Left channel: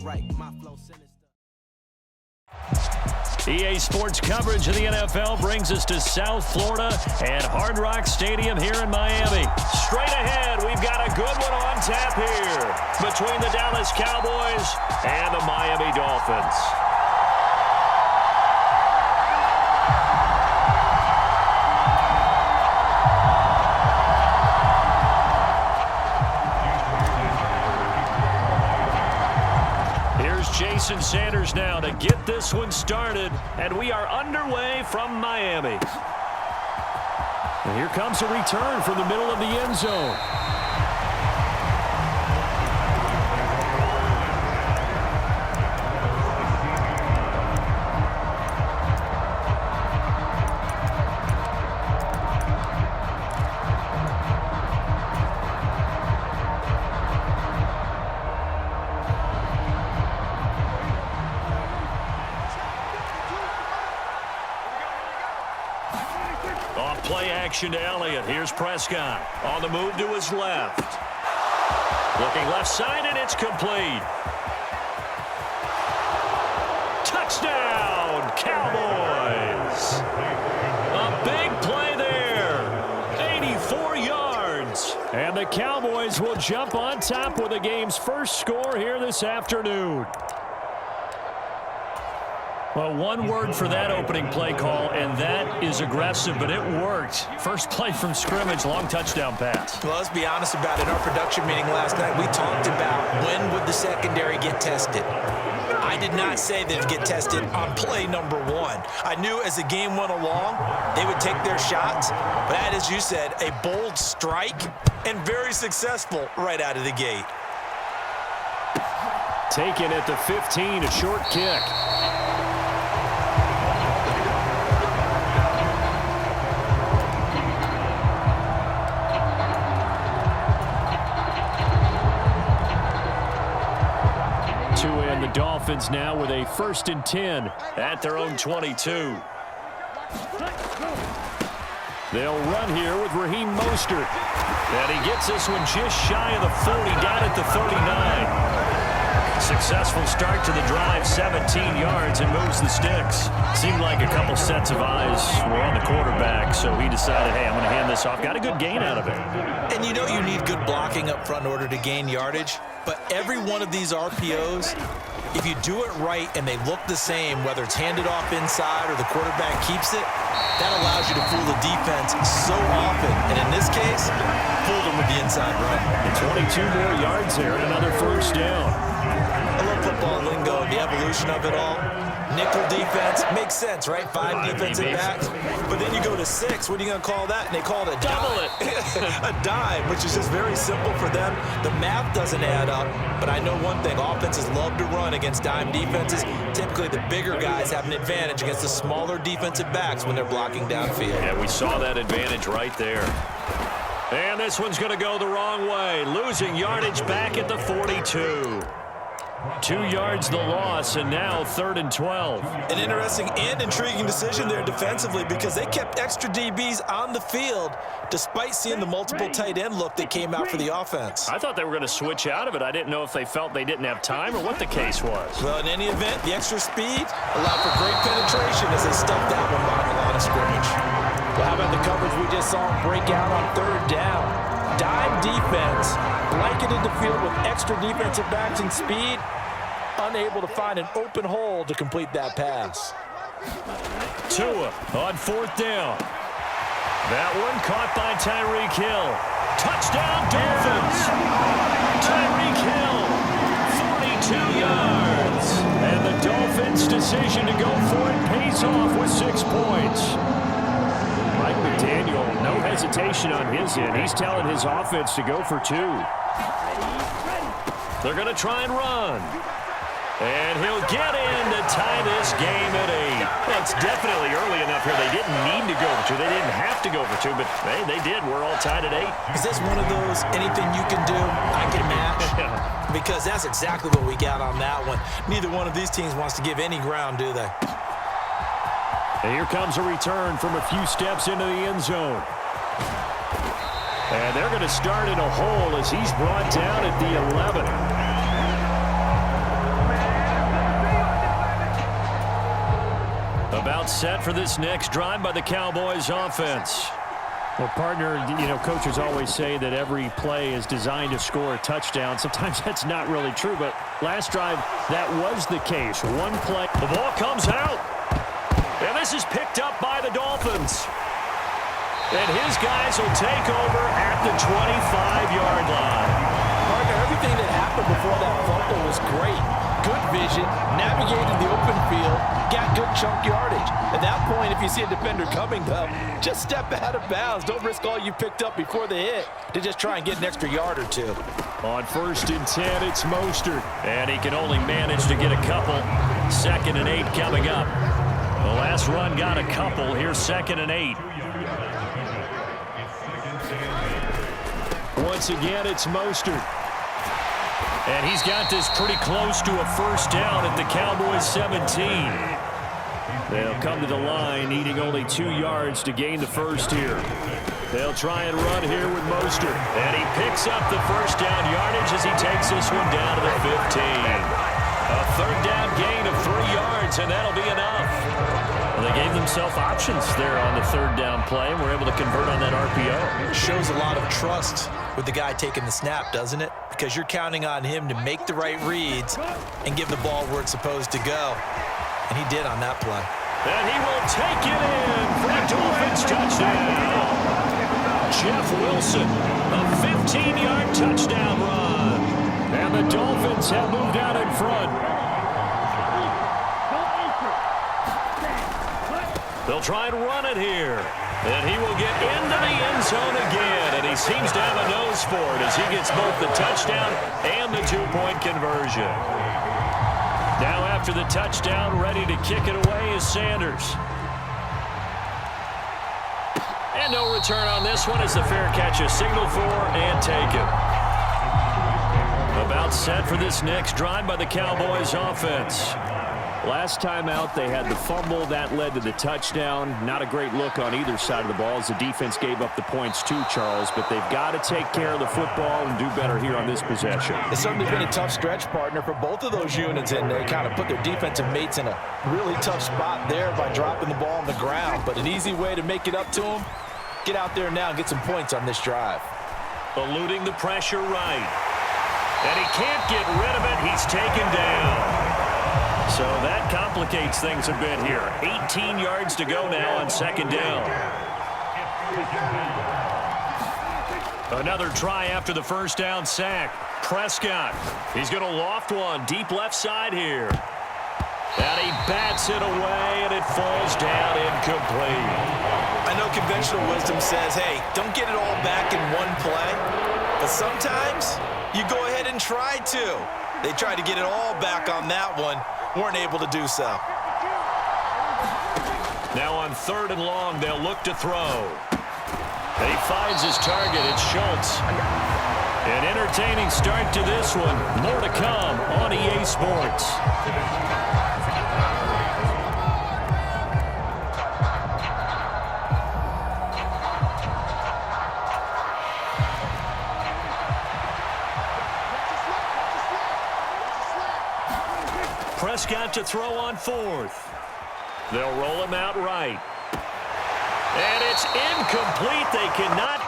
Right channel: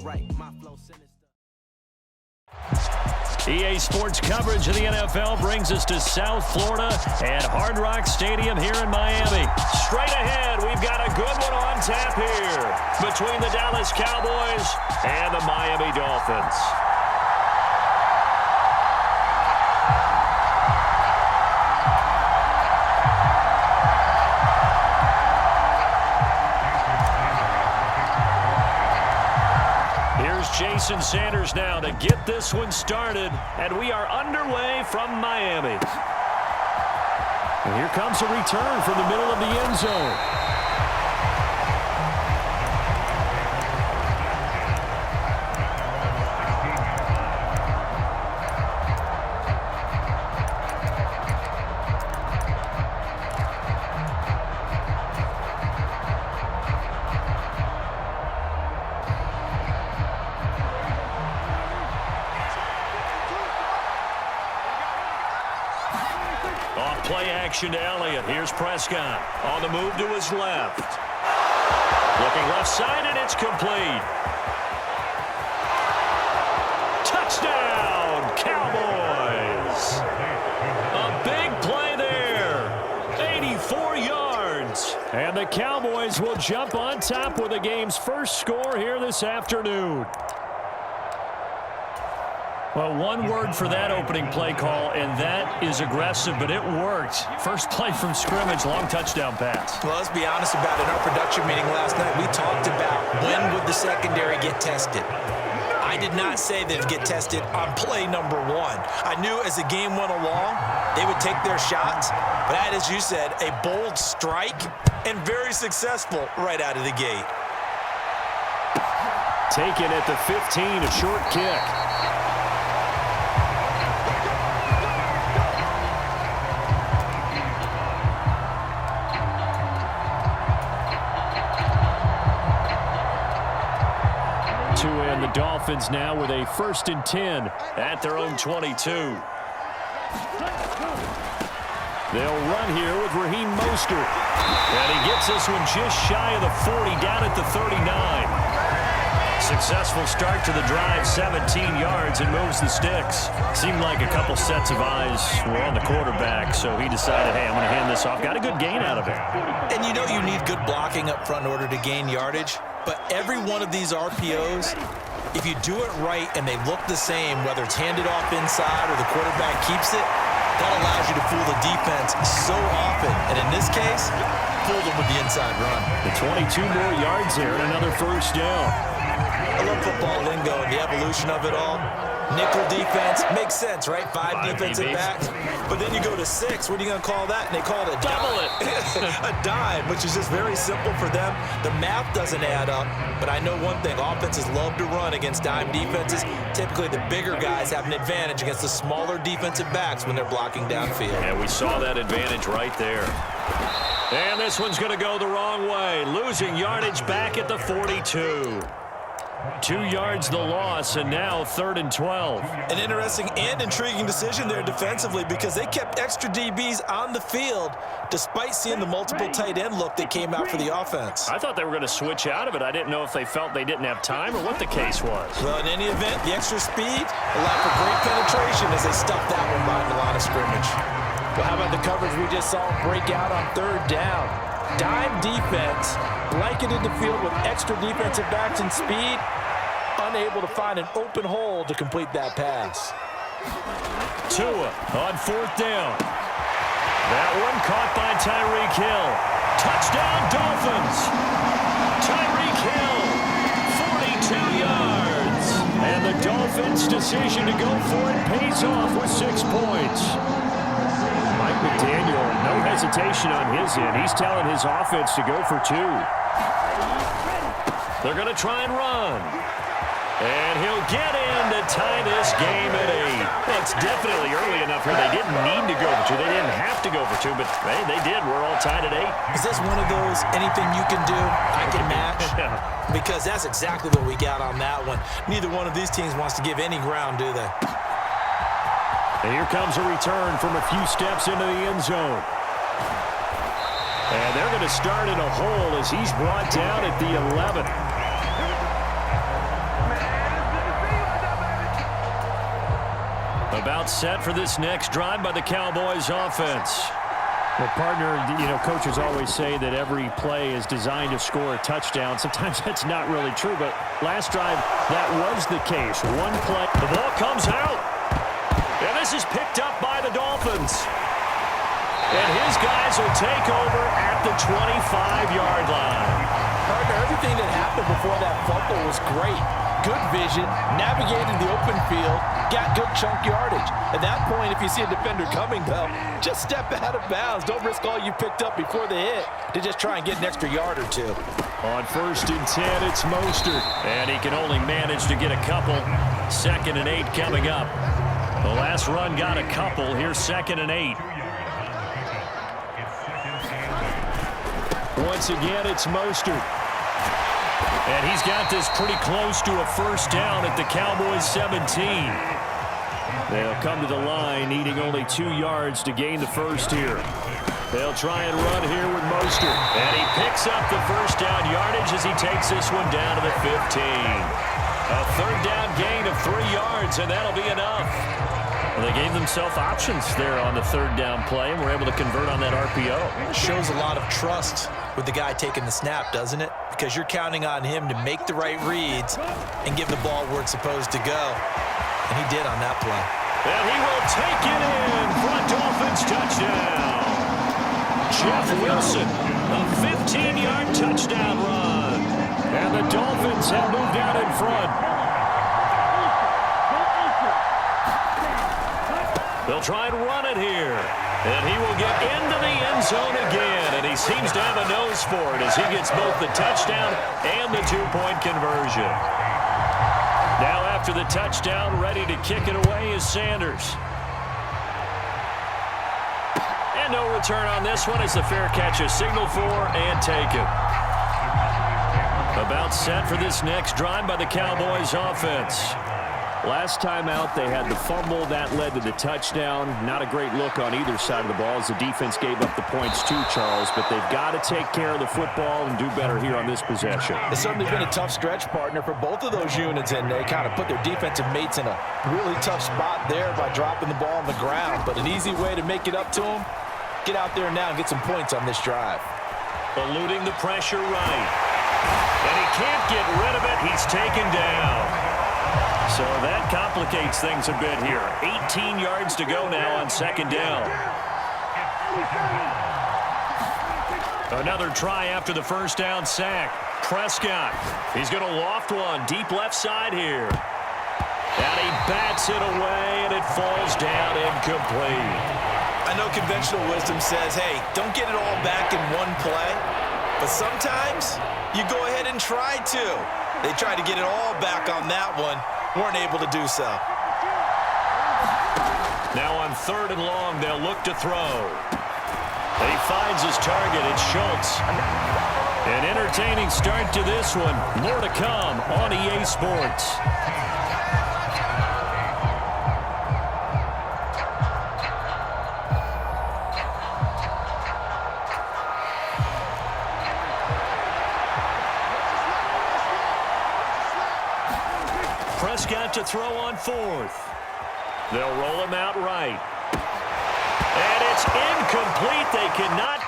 sound right. My flow sinister. EA Sports coverage of the NFL brings us to South Florida and Hard Rock Stadium here in Miami. Straight ahead, we've got a good one on tap here between the Dallas Cowboys and the Miami Dolphins. Here's Jason Sanders now to get this one started, and we are underway from Miami. And here comes a return from the middle of the end zone. Off play action to Elliott. Here's Prescott on the move to his left. Looking left side, and it's complete. Touchdown, Cowboys. A big play there. 84 yards. And the Cowboys will jump on top with the game's first score here this afternoon. Well, one word for that opening play call, and that is aggressive, but it worked. First play from scrimmage, long touchdown pass. Well, let's be honest about it. In our production meeting last night, we talked about when would the secondary get tested. I did not say they'd get tested on play number one. I knew as the game went along, they would take their shots, but that, as you said, a bold strike and very successful right out of the gate. Taken at the 15, a short kick. And the Dolphins now with a 1st and 10 at their own 22. They'll run here with Raheem Mostert. And he gets this one just shy of the 40, down at the 39. Successful start to the drive, 17 yards, and moves the sticks. Seemed like a couple sets of eyes were on the quarterback, so he decided, hey, I'm going to hand this off. Got a good gain out of it. And you know you need good blocking up front in order to gain yardage. But every one of these RPOs, if you do it right and they look the same, whether it's handed off inside or the quarterback keeps it, that allows you to fool the defense so often. And in this case, fooled them with the inside run. The 22 more yards there and another first down. I love football lingo and the evolution of it all. Nickel defense makes sense, right? Five defensive backs. But then you go to 6. What are you going to call that? And they call it a double dime. A dime, which is just very simple for them. The math doesn't add up. But I know one thing. Offenses love to run against dime defenses. Typically, the bigger guys have an advantage against the smaller defensive backs when they're blocking downfield. Yeah, we saw that advantage right there. And this one's going to go the wrong way. Losing yardage back at the 42. 2 yards the loss, and now 3rd and 12. An interesting and intriguing decision there defensively because they kept extra DBs on the field despite seeing the multiple tight end look that came out for the offense. I thought they were going to switch out of it. I didn't know if they felt they didn't have time or what the case was. Well, in any event, the extra speed allowed for great penetration as they stuffed that one behind the line of scrimmage. Well, how about the coverage we just saw them break out on 3rd down? Dime defense blanketed the field with extra defensive backs and speed, unable to find an open hole to complete that pass. Tua on 4th down. That one caught by Tyreek Hill. Touchdown Dolphins. Tyreek Hill, 42 yards. And the Dolphins' decision to go for it pays off with 6 points. Mike McDaniel, no hesitation on his end. He's telling his offense to go for 2. They're going to try and run. And he'll get in to tie this game at 8. Well, it's definitely early enough here. They didn't need to go for 2. They didn't have to go for 2, but hey, they did. We're all tied at 8. Is this one of those anything you can do, I can match? Yeah. Because that's exactly what we got on that one. Neither one of these teams wants to give any ground, do they? And here comes a return from a few steps into the end zone. And they're going to start in a hole as he's brought down at the 11. About set for this next drive by the Cowboys offense. Well, partner, coaches always say that every play is designed to score a touchdown. Sometimes that's not really true, but last drive, that was the case. One play. The ball comes out. And this is picked up by the Dolphins. And his guys will take over at the 25-yard line. Partner, everything that happened before that fumble was great. Good vision, navigated the open field, got good chunk yardage. At that point, if you see a defender coming, though, just step out of bounds. Don't risk all you picked up before the hit to just try and get an extra yard or two. On 1st and 10, it's Mostert. And he can only manage to get a couple. 2nd and 8 coming up. The last run got a couple. Here's 2nd and 8. Once again, it's Mostert. And he's got this pretty close to a first down at the Cowboys 17. They'll come to the line needing only 2 yards to gain the first here. They'll try and run here with Mostert. And he picks up the first down yardage as he takes this one down to the 15. A 3rd down gain of 3 yards, and that'll be enough. Well, they gave themselves options there on the 3rd down play, and were able to convert on that RPO. Shows a lot of trust with the guy taking the snap, doesn't it? Because you're counting on him to make the right reads and give the ball where it's supposed to go. And he did on that play. And he will take it in for a Dolphins touchdown. Jeff Wilson, a 15-yard touchdown run. And the Dolphins have moved out in front. They'll try and run it here. And he will get into the end zone again. And he seems to have a nose for it as he gets both the touchdown and the 2-point conversion. Now after the touchdown, ready to kick it away is Sanders. And no return on this one as the fair catch is signaled for and taken. About set for this next drive by the Cowboys offense. Last time out, they had the fumble. That led to the touchdown. Not a great look on either side of the ball as the defense gave up the points too, Charles. But they've got to take care of the football and do better here on this possession. It's certainly been a tough stretch, partner, for both of those units, and they kind of put their defensive mates in a really tough spot there by dropping the ball on the ground. But an easy way to make it up to them, get out there now and get some points on this drive. Eluding the pressure right. And he can't get rid of it. He's taken down. So that complicates things a bit here. 18 yards to go now on 2nd down. Another try after the first down sack. Prescott. He's going to loft one deep left side here. And he bats it away, and it falls down incomplete. I know conventional wisdom says, hey, don't get it all back in one play. But sometimes you go ahead and try to. They tried to get it all back on that one. Weren't able to do so. Now on 3rd and long, they'll look to throw. He finds his target. It's Schultz. An entertaining start to this one. More to come on EA Sports. Prescott to throw on 4th. They'll roll him out right. And it's incomplete. They cannot